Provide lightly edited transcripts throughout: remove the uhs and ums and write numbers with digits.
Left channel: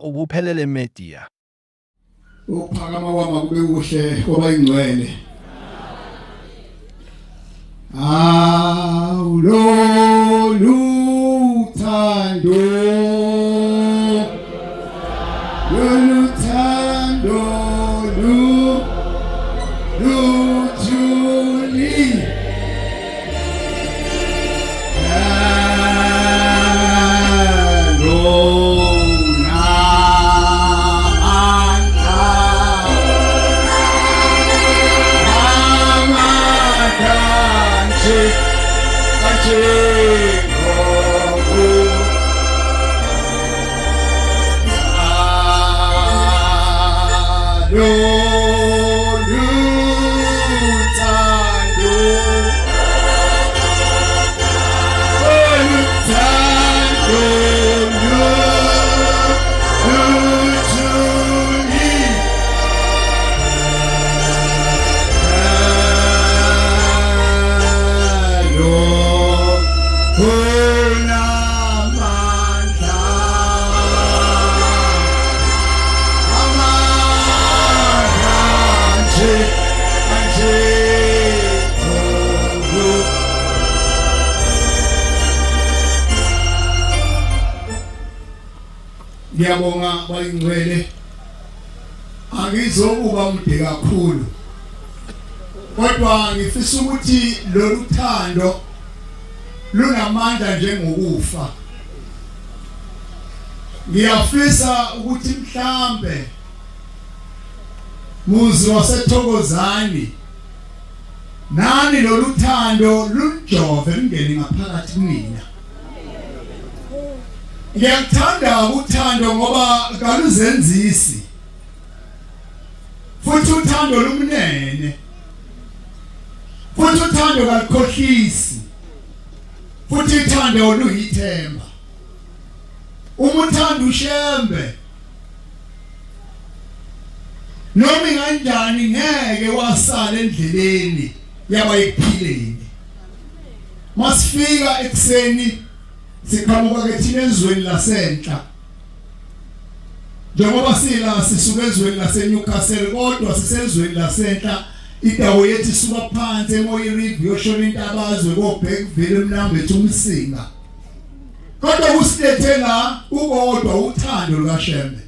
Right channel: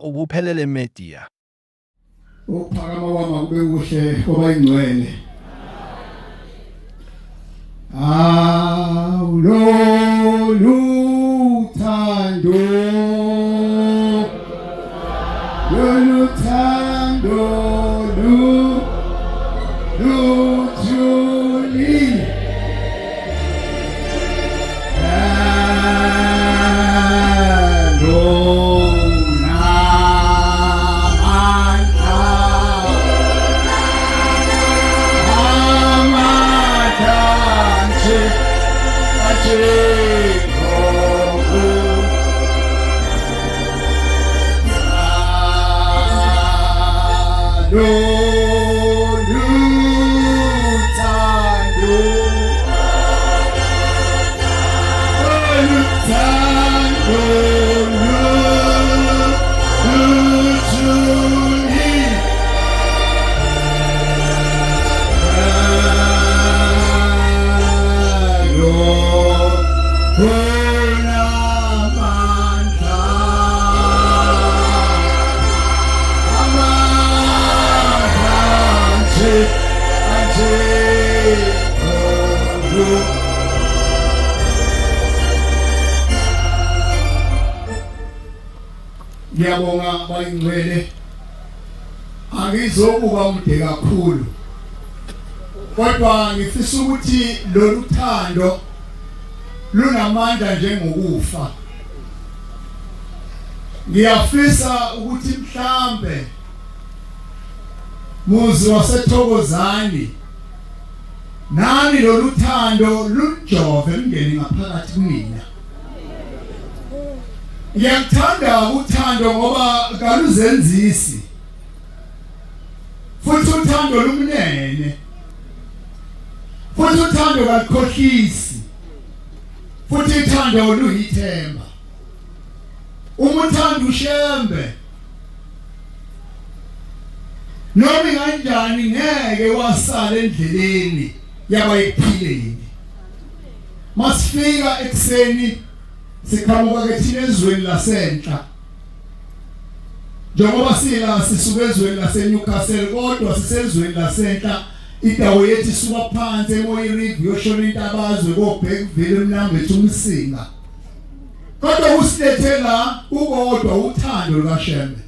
ubuphelele media. Uphakama wami kube kuhle ngoba ingcwele. Ngiyabonga bayingcwele angizokuba umde kakhulu kodwa ngifisa ukuthi lolu thando lunamandla njengokufa. Ngiyafisa ukuthi mhlambe muzi waseThokozani nani lolu thando lunjove lungene ngaphakathi kumina. Ngiyakuthanda uthando ngoba kaluzenzisi futhi uthando lumnene futhi uthando kalukhohlisi futhi uthando luyithemba. Umuthando ushembe noma kanjani ngeke wasala endleleni yabayiphileni. Masifika ekseni sikhamba ke thina ezweni lasenhla njengoba sila sisuka ezweni laseNewcastle kodwa sisezweni lasenhla indawo yethu isuka phansi emoyeni river yoshona intabazwe koBhekville eMnambe uMsinga kodwa usilethe la ukodwa uthando lukaShembe.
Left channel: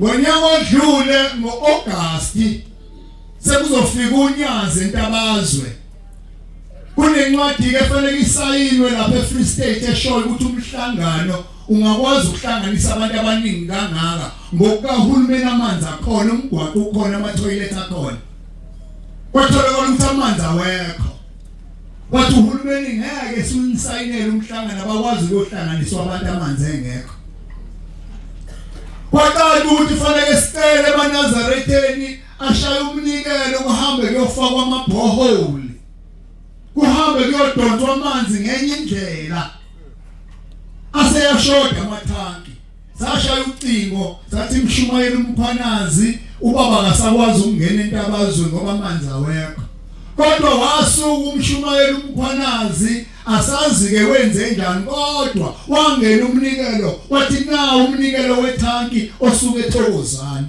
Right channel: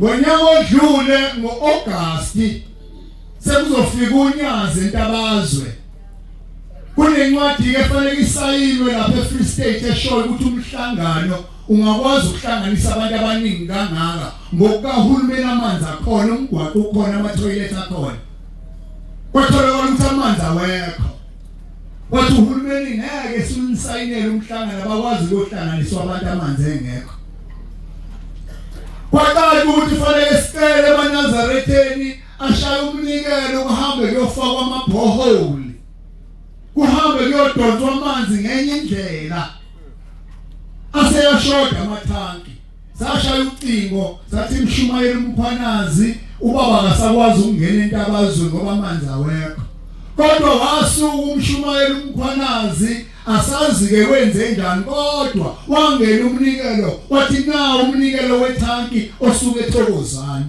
Ngonyaka odlule ngoAugust sekuzofika uNyazi entabazwe kunencwadi ke efanele isayinwe lapha eFree State eshoyo ukuthi umhlangano ungakwazi ukuhlanganisa abantu abaningi kangaka ngokahulumeni amanzi akhona umgwaqo ukhona ama-toilet akhona kwatholakala ukuthi amanzi awekho wathi uhulumeni ngeke sinisayinele umhlangano abakwazi ukuhlanganiswa abantu amanzi engekho. Kwaqala ukuthi fanele sicele eNazaretheni ashaya umnikelo kuhambe kuyofakwa amabhoholi kuhambe kuyodonswa amanzi ngenye indlela aseyashoda amathanki. Sashaya ucingo sathi Mshumayeli Mkhwanazi ubaba akasakwazi ukungena entabazweni ngoba amanzi awekho kodwa wasuka uMshumayeli Mkhwanazi asazi ke wenze njani kodwa wangena umnikelo wathi na umnikelo wethanki osuke eThokozani.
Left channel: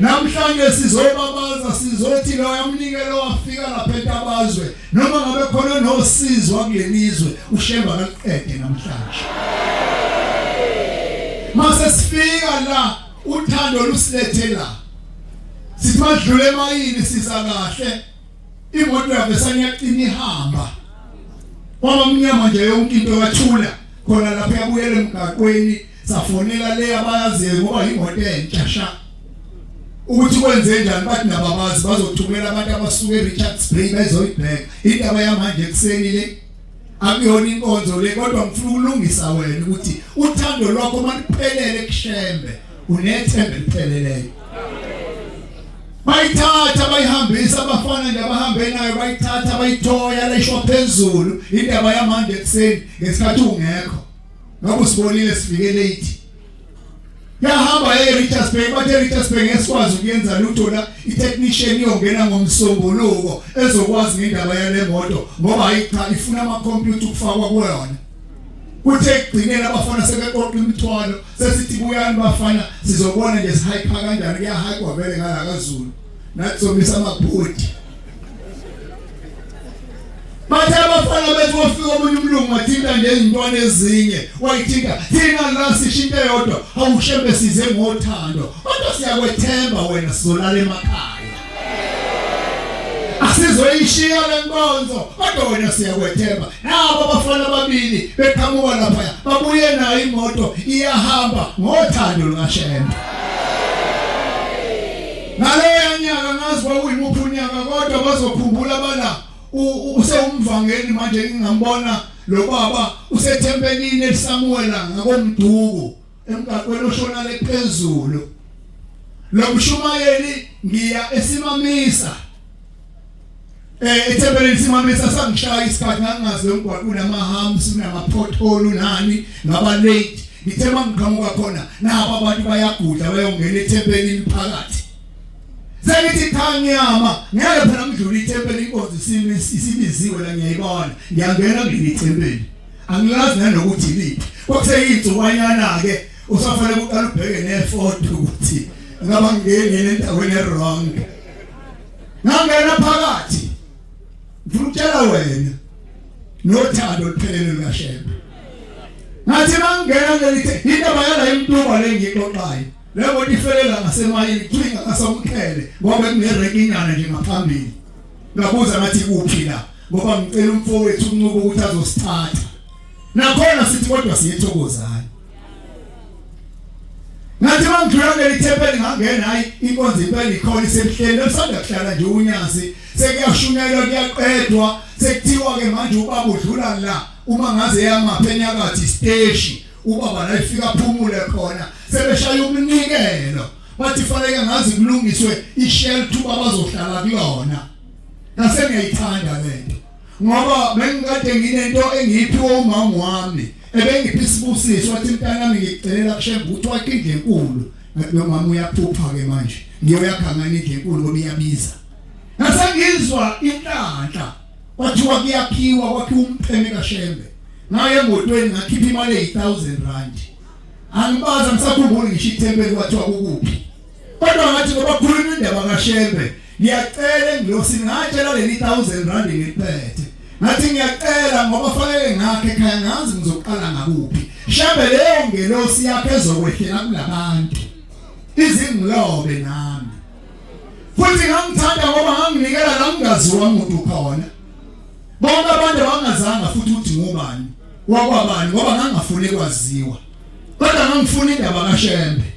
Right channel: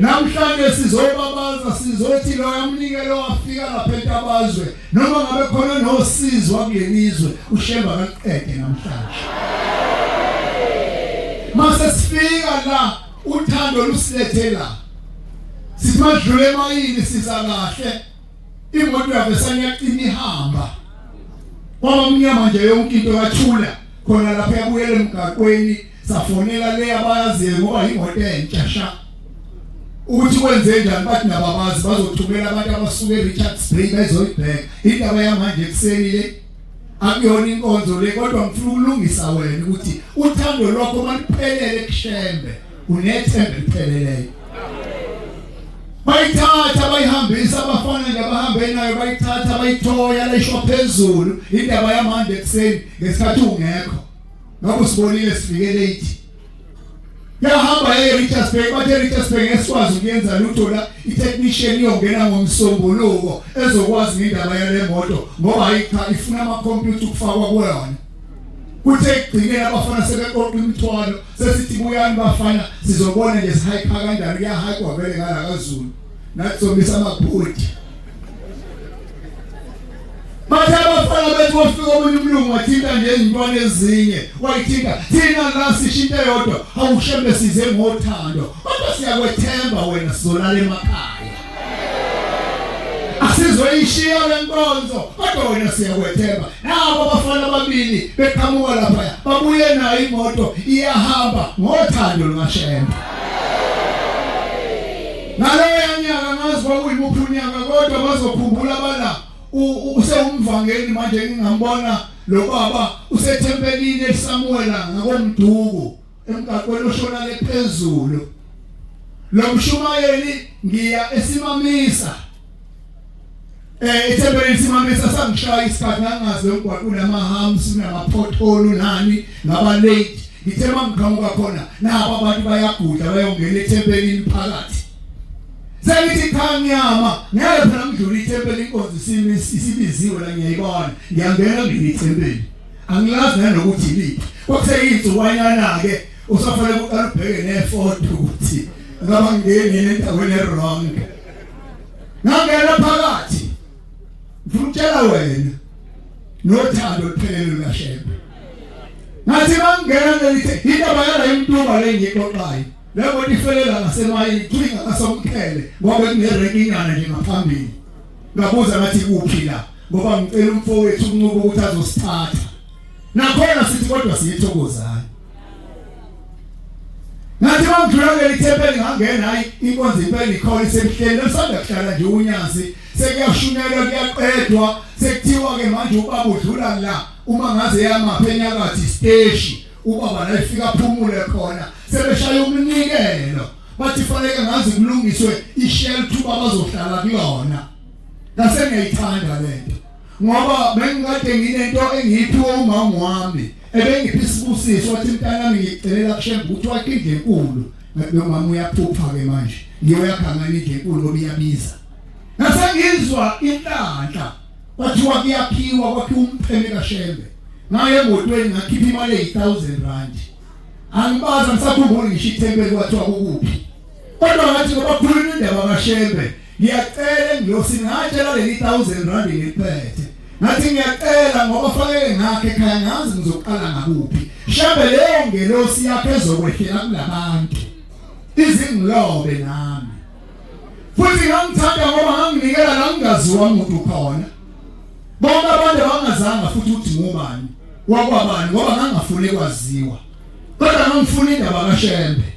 Namhlanje sizobabaza sizothi lo yamnikelo wafika lapha entabazwe noma ngabe khona nosizo wakulenizwe uShembe akaqede namhlanje. Mase sifika la uthando lusilethe la sithi madlule emayini siza kahle imoto yavesana yaqina ihamba kwaba mnyama nje yonke into yathula khona lapha yabuyela emgaqweni safonela le abayaziyo ngoba imoto entsha ukuthi kwenze njani bathi nababazi bazothumela abantu abasuka eRichards Bay bezoyibheka indaba yamanje ekseni le akuyona inkonzo le kodwa ngifuna ukulungisa wena ukuthi uthando lwakho maliphelele kuShembe unethemba lipheleleyo. Bayithatha bayihambisa abafana nabahambe nayo bayithatha bayithoya lesho phezulu indaba yamanje ekseni ngesikhathi ungekho ngoba usibonile sifike late. Yahamba eRichards Bay bathe eRichards Bay ngesikwazi ukuyenza lutho la itechnician iyongena ngomsombuluko ezokwazi indaba yale moto ngoba ifuna ama computer ukufakwa kuyona kuthe egcineni abafana sebeqoqa imithwalo sesithi kuyani bafana sizobona nje sihayikha kanjani kuyahayikwa vele ngakaZulu nakusomisa amaphodi bathe abafana bethu bafika omunye umlungu athinta nje izintwana ezinye wayithinta thina la sishinto yodwa awushembe size ngothando kodwa siyakwethemba wena sizolala emakhaya asizoyishiya lenkonzo kodwa wena siyakwethemba nabo abafana ababili beqhamuka lapha babuye nayo imoto iyahamba ngothando lukashembe naloya nyaka ngazwa uyimuphi unyaka kodwa bazokhumbula bala usewumvangeli manje ngingambona lo baba usethempelini eSamuela ngakomduku emgaqweni oshonale phezulu lo mshumayeli ngiya esimamisa ethempelini simamisa sangishaya isikhathi ngangaze umgwaqweni amahams kunamapotholo nani ngaba late ngithe mangiqhamuka khona nabo abantu bayagudla bayongena ethempelini phakathi Zelithi khanyama ngeke phela ngidlula ithempeli inkonzo isibiziwe la ngiyayibona ngiyangena ngithempeli angilazi nanokuthi liphi kwakuseyinsukwanyana ke usafanele ukuqala ubheke nefoto ukuthi ngaba ngene endaweni wrong ngangena phakathi ngikutshela wena nothando luphelele lashembe ngathi mangena ngelithi indaba yala imntuba lengixoxayo labo lifelela ngasemayini klinga kasomkhele ngoba kunerekinyana nje ngaphambili ngabuza ngathi kuphi la ngoba ngicela umfowethu unqubo ukuthi azosithatha nakhona sithi kodwa siyethokozana ngathi mangidlula ngelithempeli ngangena hayi inkonzo impela ikhona isemhlele usanda kuhlala nje unyazi sekuyashunela kuyaqedwa sekuthiwa ke manje ubaba udlula la uma ngaze yamaphenya kathi stage ubaba la ifika phumule khona sebeshaya umnikelo bathi fanele ngazi kulungiswe ishelter babazohlala kuyona ngase ngiyithanda lento ngoba bengikade nginento engiyiphiwe umama wami ebengiphi isibusiso wathi mntana nami ngicela kushembe ukuthi wakindle enkulu ngathi mama uyaphupha ke manje ngiyoyakhangana indle enkulu ngoba iyabiza ngase ngizwa inhlanhla kwathiwa kuyaphiwa kwakhiwa umpheme kaShembe ngaye emotweni ngakhipha imali eyi1000 angibaza ngisakhumbula ngisho ithempeli kwathiwa kuphi kodwa ngathi ngoba khuluma indaba kaShembe ngiyacela ngiyosingatshela leli 1000 ngiphethe ngathi ngiyacela ngoba fanele ngakhe ekhaya ngazi ngizoqala ngakuphi Shembe leyo ngelosi yakhe ezokwehlela kulabantu izingilobe nami futhi ngangithanda ngoba nganginikela la ngingaziwa umuntu khona bonke abantu bangazanga futhi uthi ngubani wakwabani ngoba ngangafuni kwaziwa kodwa ngangifuna indaba kaShembe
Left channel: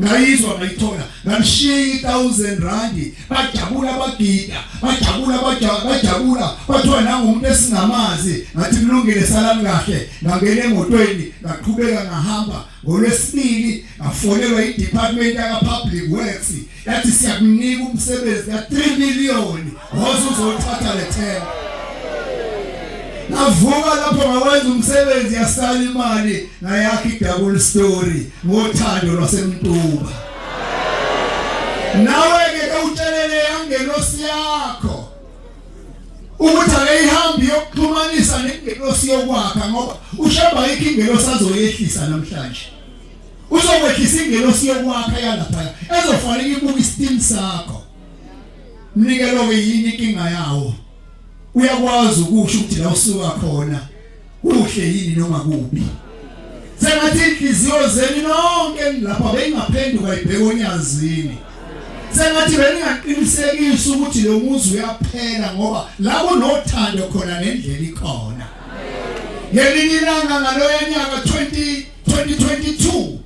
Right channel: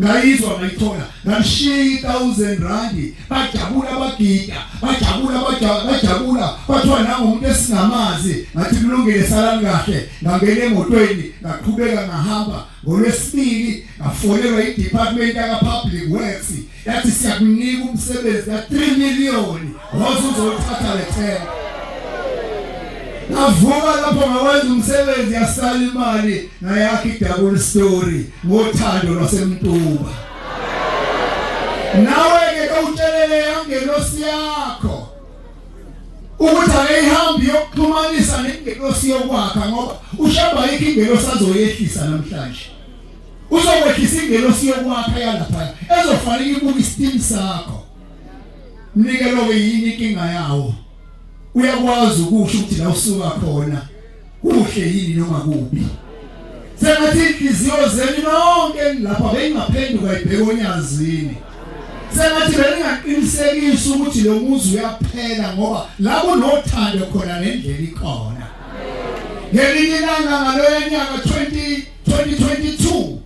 ngayizwa ngayithola ngishiya 1000 bajabula bagida bajabula bathiwa nangomuntu esingamazi ngathi kulungile salani kahle ngangena emotweni ngaqhubeka ngahamba ngolwesibili ngafonelwa iDepartment ya Public Works yathi siyakunika umsebenzi ka 3 million wazuzothatha lethemba navuka lapho ngawenza umsebenzi yasala imali ngayakhi double story ngothando lwasemntuba nawe ke utshelele yangelosi yakho ukuthi ayihambi yokuxhumanisa nengelosi yokwakha ngoba ushaba ikingelosi azoyehlisa namhlanje uzokwehlisa ingelosi yokwakha yalapha ezofanele ibuka istim sakho mnikelo ke yini inkinga yawo uyakwazi ukusho ukuthi la usuka khona kuhle yini noma kuphi sengathi inhliziyo zenu nonke lapha bengaphenduka ibheka onyazini sengathi bengaqinisekisa ukuthi lo muzi uyaphela ngoba la kunothando khona nendlela ikhona ngelinye ilanga ngaloyo nyaka 2022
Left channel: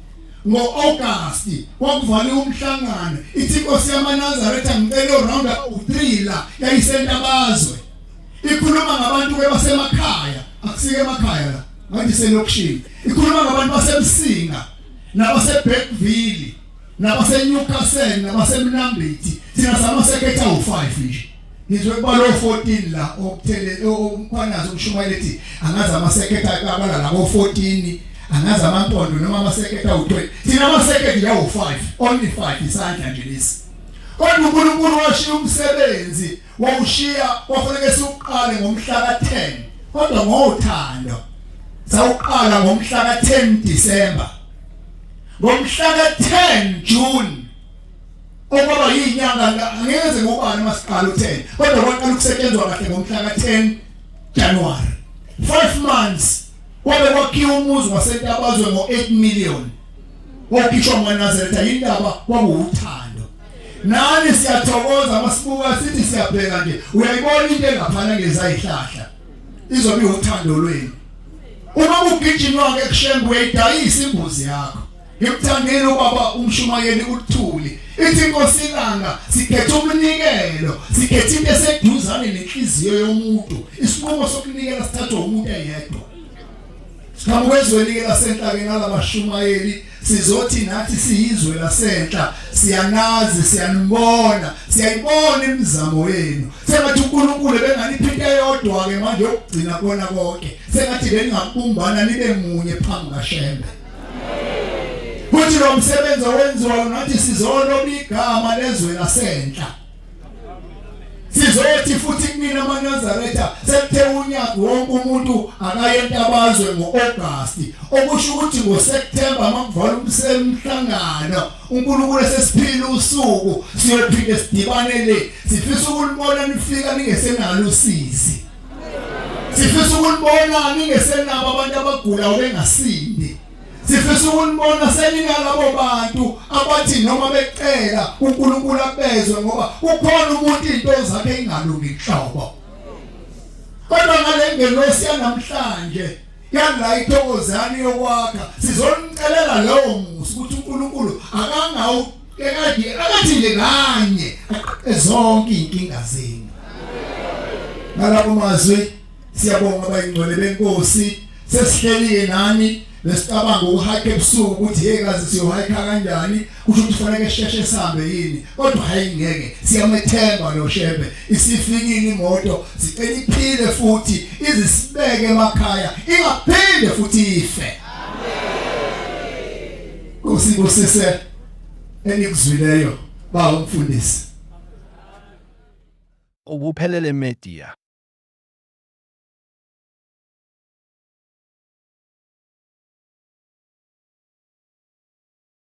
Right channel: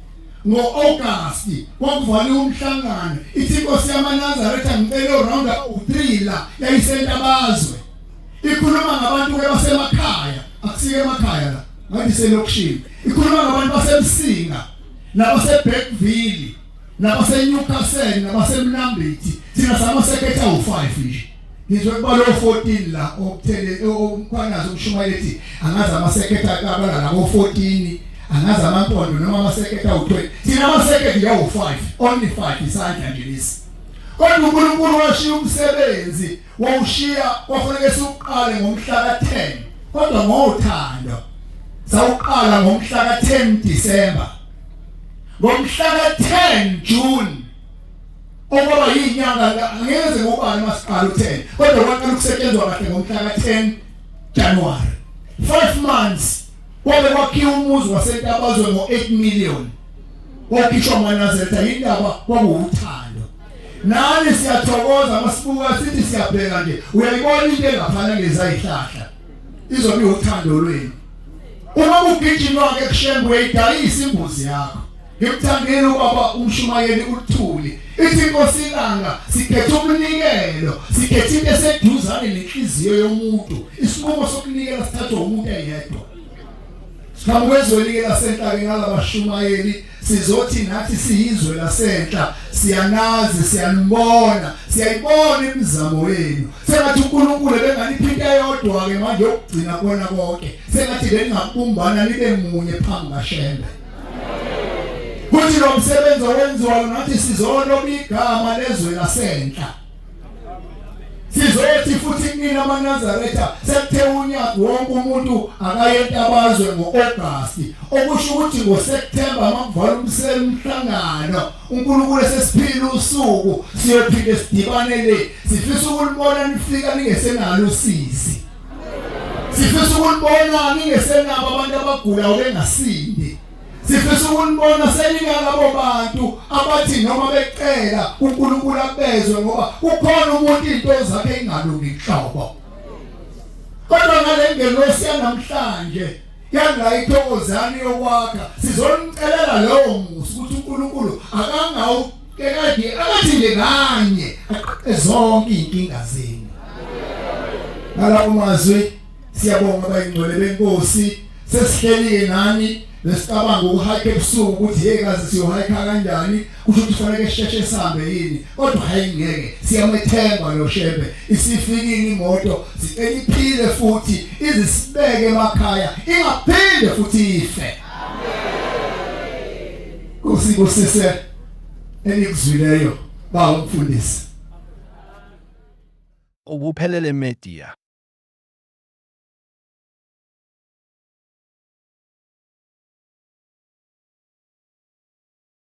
ngo-August kwakuvaliwe umhlangano ithi Nkosi yamaNazaretha ngicela round about 3 la yayisentabazwe ikhuluma ngabantu basemakhaya akusike emakhaya la ngathi selokishini ikhuluma ngabantu basemsinga nabaseBackville nabaseNewcastle nabaseMnambithi thina samasekhetha u5 nje ngizwe kubalo 14 la okuthele umkhwanazo umshumayeli ethi angazi amasekhetha akabala labo 14 angazi amampondo noma amasekhetha u20 thina amasekhetha yawu5 only 5 isandla nje lesi kodwa uNkulunkulu washiya umsebenzi wawushiya kwafanele siqale ngomhla ka10 kodwa ngothando sawuqala ngomhla ka10 December ngomhla ka10 June okwaba yinyanga angeze ngubani masiqala u10 kodwa kwaqala ukusetshenzwa kahle ngomhla ka10 January 5 months kwabe kwakhiwa umuzi waseNtabazwe ngo8 million wakhishwa nganaZareta indaba kwakuwuthando nani siyathokoza masibuka sithi siyabheka nje uyayibona into engaphana ngezayihlahla izobe uthando lweni uma ugijima ke kushengwe idayisa imbuzi yakho ngikuthandile ubaba umshumayeli uThuli ithi inkosilanga sikhetha umnikelo sikhetha into eseduzane nenhliziyo yomuntu isinqumo sokunikela sithathwa umuntu eyedwa sikamkwezweni lasenhlake nalabashumayeli sizothi nathi siyizwe lasenhla siyanazi siyanibona siyayibona imizamo yenu sengathi uNkulunkulu benganiphi into eyodwa ke manje ukugcina kona konke sengathi bengabumbana nibe munye phambi kaShembe kuthi lo msebenzi owenziwa nathi sizoloba igama lezwe lasenhla sizoyethi futhi kunina amaNazaretha sekuthe unyaka wonke umuntu akayentabazwe ngo-August okusho ukuthi ngoSeptember makuvala umhlangano uNkulunkulu esesiphila usuku siyophinde sidibane le sifisa ukulibona nifika ningesenalo usizi sifisa ukulibona ningesenabo abantu abagula bengasindi sifisa ukulibona seningalabo bantu abathi noma becela uNkulunkulu abezwe ngoba kukhona umuntu into zakhe ingalungi inhlobo kodwa ngale ngelosi yanamhlanje yanga ithokozani yokwakha sizomcelela lowo musi ukuthi uNkulunkulu akangawo ekade abathi lekanye zonke inkinga zenu nalabo mazwi siyabonga abayingcwele benkosi sesihleli nani lesicabanga uhike ebusuku ukuthi yekazi siyohike kanjani kusho ukuthi kufanele sheshe sihambe yini kodwa hayi ngeke siyamethemba lo Shembe isifikini imoto siphile futhi izisibeke emakhaya ingaphinde futhi ife amen kusibusise enikuzwileyo ba umfundisi Ubuphelele Media.